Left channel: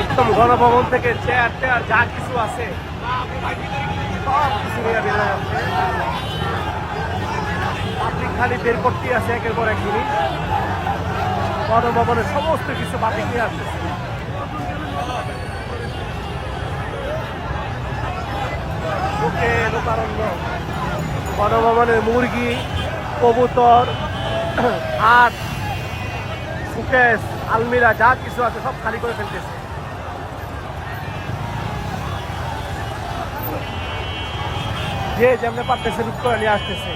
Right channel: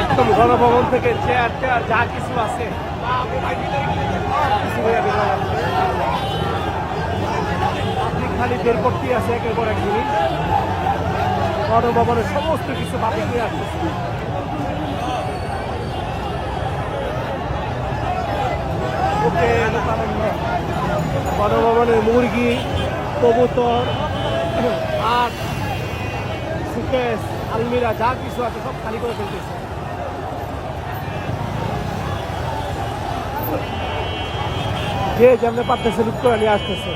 একদম গণভবন থেকে chair chair যা কিছু আছে। খালি বের করতেই আছে একের পর এক জিনিস। গণভবনের সমস্ত কিছু বাতিল হয়ে আছে। গণভবনের মুরগি, কবুতর হাট সুকেশ, আলমিরা, যা কিছু আছে সব খালি করে ফেলতেছে। যে যেমনি পারতেছে নিয়ে আসতেছে।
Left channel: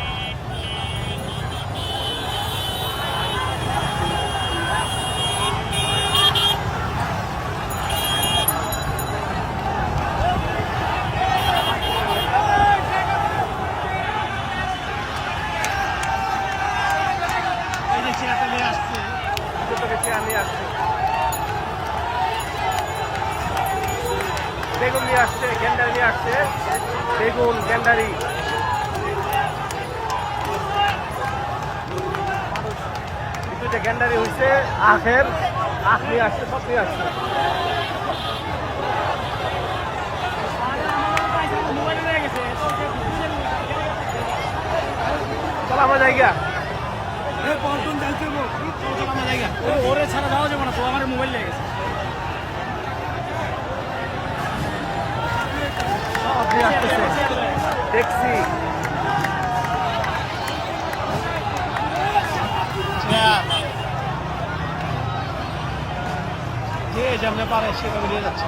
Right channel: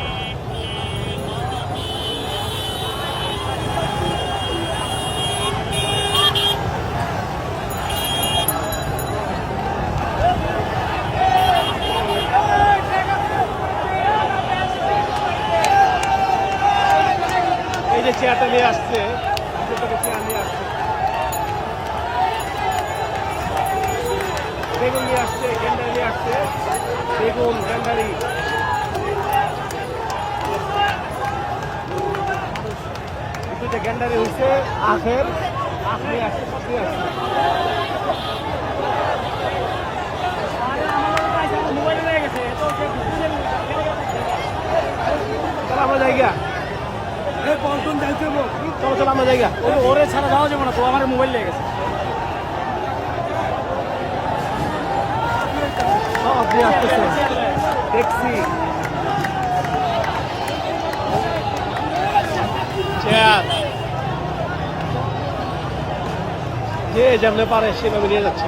চেয়ারটা নিয়ে আসছে চেয়ার নিয়ে আসছে। বেগুন নিয়ে আসছে গেন্ডারি নিয়ে আসছে। বেগুন গেন্ডারি। দুটো গেন্ডারি হয়েছে আখের। আখ নিয়ে আসছে সব নিয়ে আসছে। ওরে ছাড়া যাওয়া যাবে না তো আমার মোবাইল লেগে গেছে। যেমন পারে সেভাবে নিয়ে যাচ্ছে।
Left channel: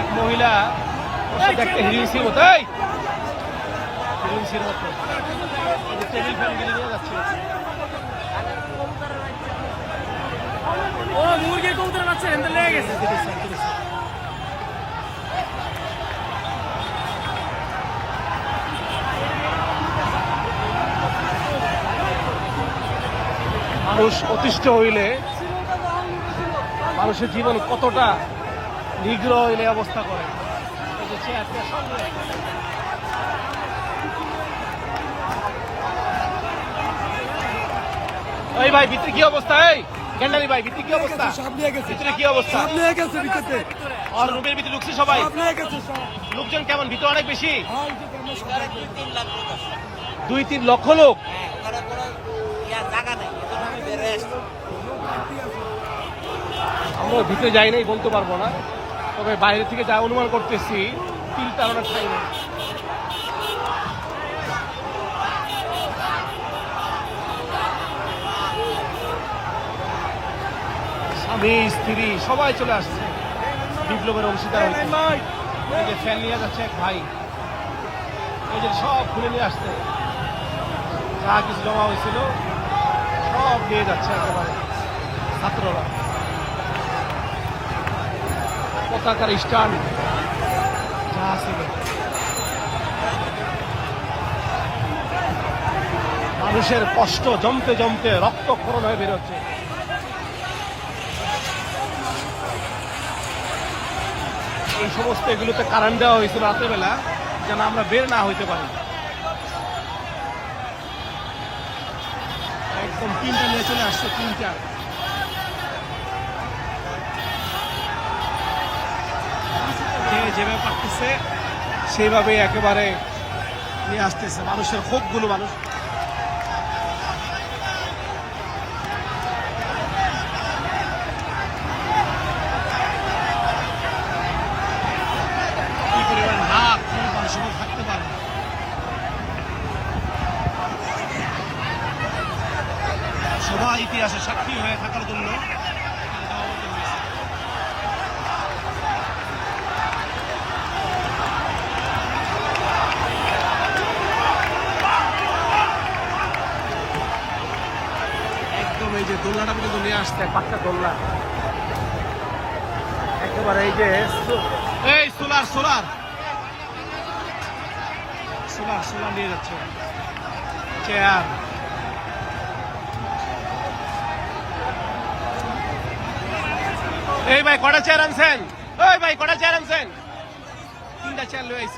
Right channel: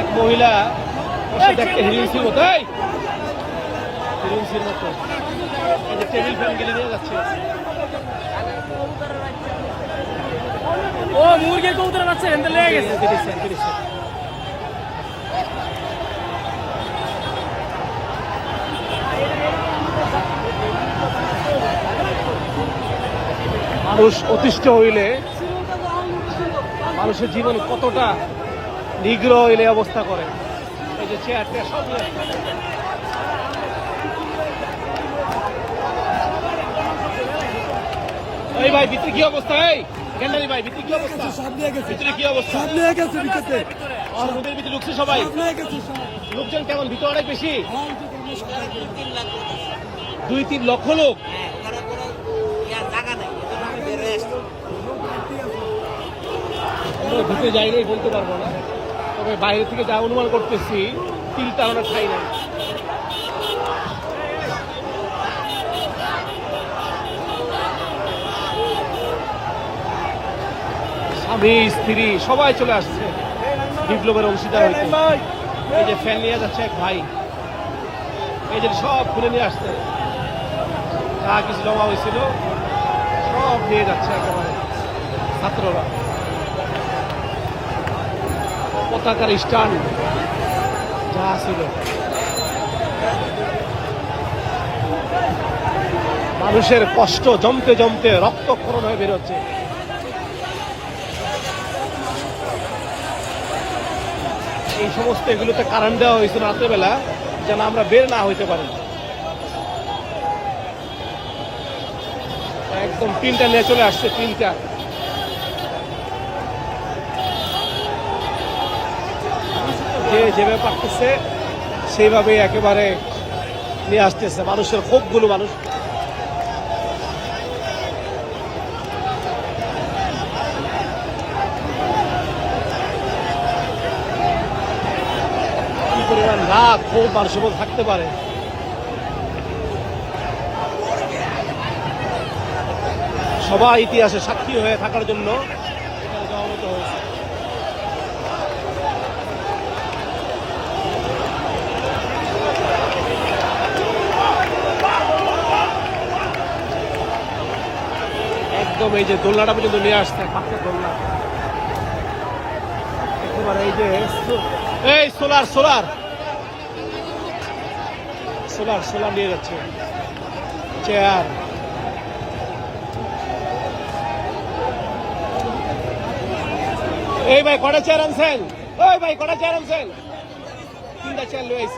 এক মহিলা একটা মতো টেবিল ফ্যান নিয়ে যাচ্ছে। ও মুরগির কবুতর আছে এনতে লেগে গেছে। মানুষ অতিষ্ঠ হইলে মানুষের জীবন কতটা নিগ্রহ এই অবস্থা করে? এই যে চেয়ার সব এই ভাই ভিতরে কি অবস্থা? এই গেন্ডারি ভাই ভিতরে কি অবস্থা? সব নিয়ে গেছে। ভিতরে কি অবস্থা? সব নিয়ে গেছে ভিতরে। আর রুমের ভিতরে ঢুকছে সবাই? সব নিয়ে গেছে লোকজন কেমন? ভিতরে অনেক বেশি? হ্যাঁ, দুই তিন লক্ষ লোক? হ্যাঁ ওখানে কোনো জায়গা নেই। আমরা ভিতরে যাই নাই, বলতে পারব না। তবে বাইরে থেকে যা অনুমান করতেছি তিল আমরা খাই নাই। স্বামী স্ত্রী, সবাই চলে আসছে। বিপ্লবের অংশীদার এই যে ফ্যান নিয়ে যাচ্ছে এক ভাই। এই যে সব খুলে নিয়ে আসছে। যা কিছু জমা হয়েছিল, সব নিয়ে যাচ্ছে একেবারে ছাত্ররা। পতাকার স্ট্যান্ড যা ছিল। মানুষের কষ্ট জমতে জমতে রক্তক্ষরণ হয়ে বেরোচ্ছে। এই সমস্ত এগুলোতে কারেন্ট দেওয়া হয়েছিল রাত্রেবেলা যেন আমরা বের না হইতে পারি। একদম তিনটা নিয়ে চলে আসছে, তিনটা। যে যেভাবে পারতেছে, সেইভাবে একেবারে নিয়ে আসতেছে। মানুষের ক্ষোভগুলো, মানুষ। পরিমাণ ক্ষোভ মানুষের থাকতে পারে। সবাই ইতিহাসে সাক্ষী হয়ে থাকার জন্য একদম এই যে দোলনাটা পর্যন্ত নিয়ে আসছে, পাক্কা দোলনা। একেবারে এই যে এই সোলার সোলার। সোলার সোলার নিয়ে যাচ্ছে। চেয়ার এই ভাই, কটা চেয়ার আনছেন? ওই ভাই, কটা চেয়ার আনছেন? তিনটা চেয়ার লয়ে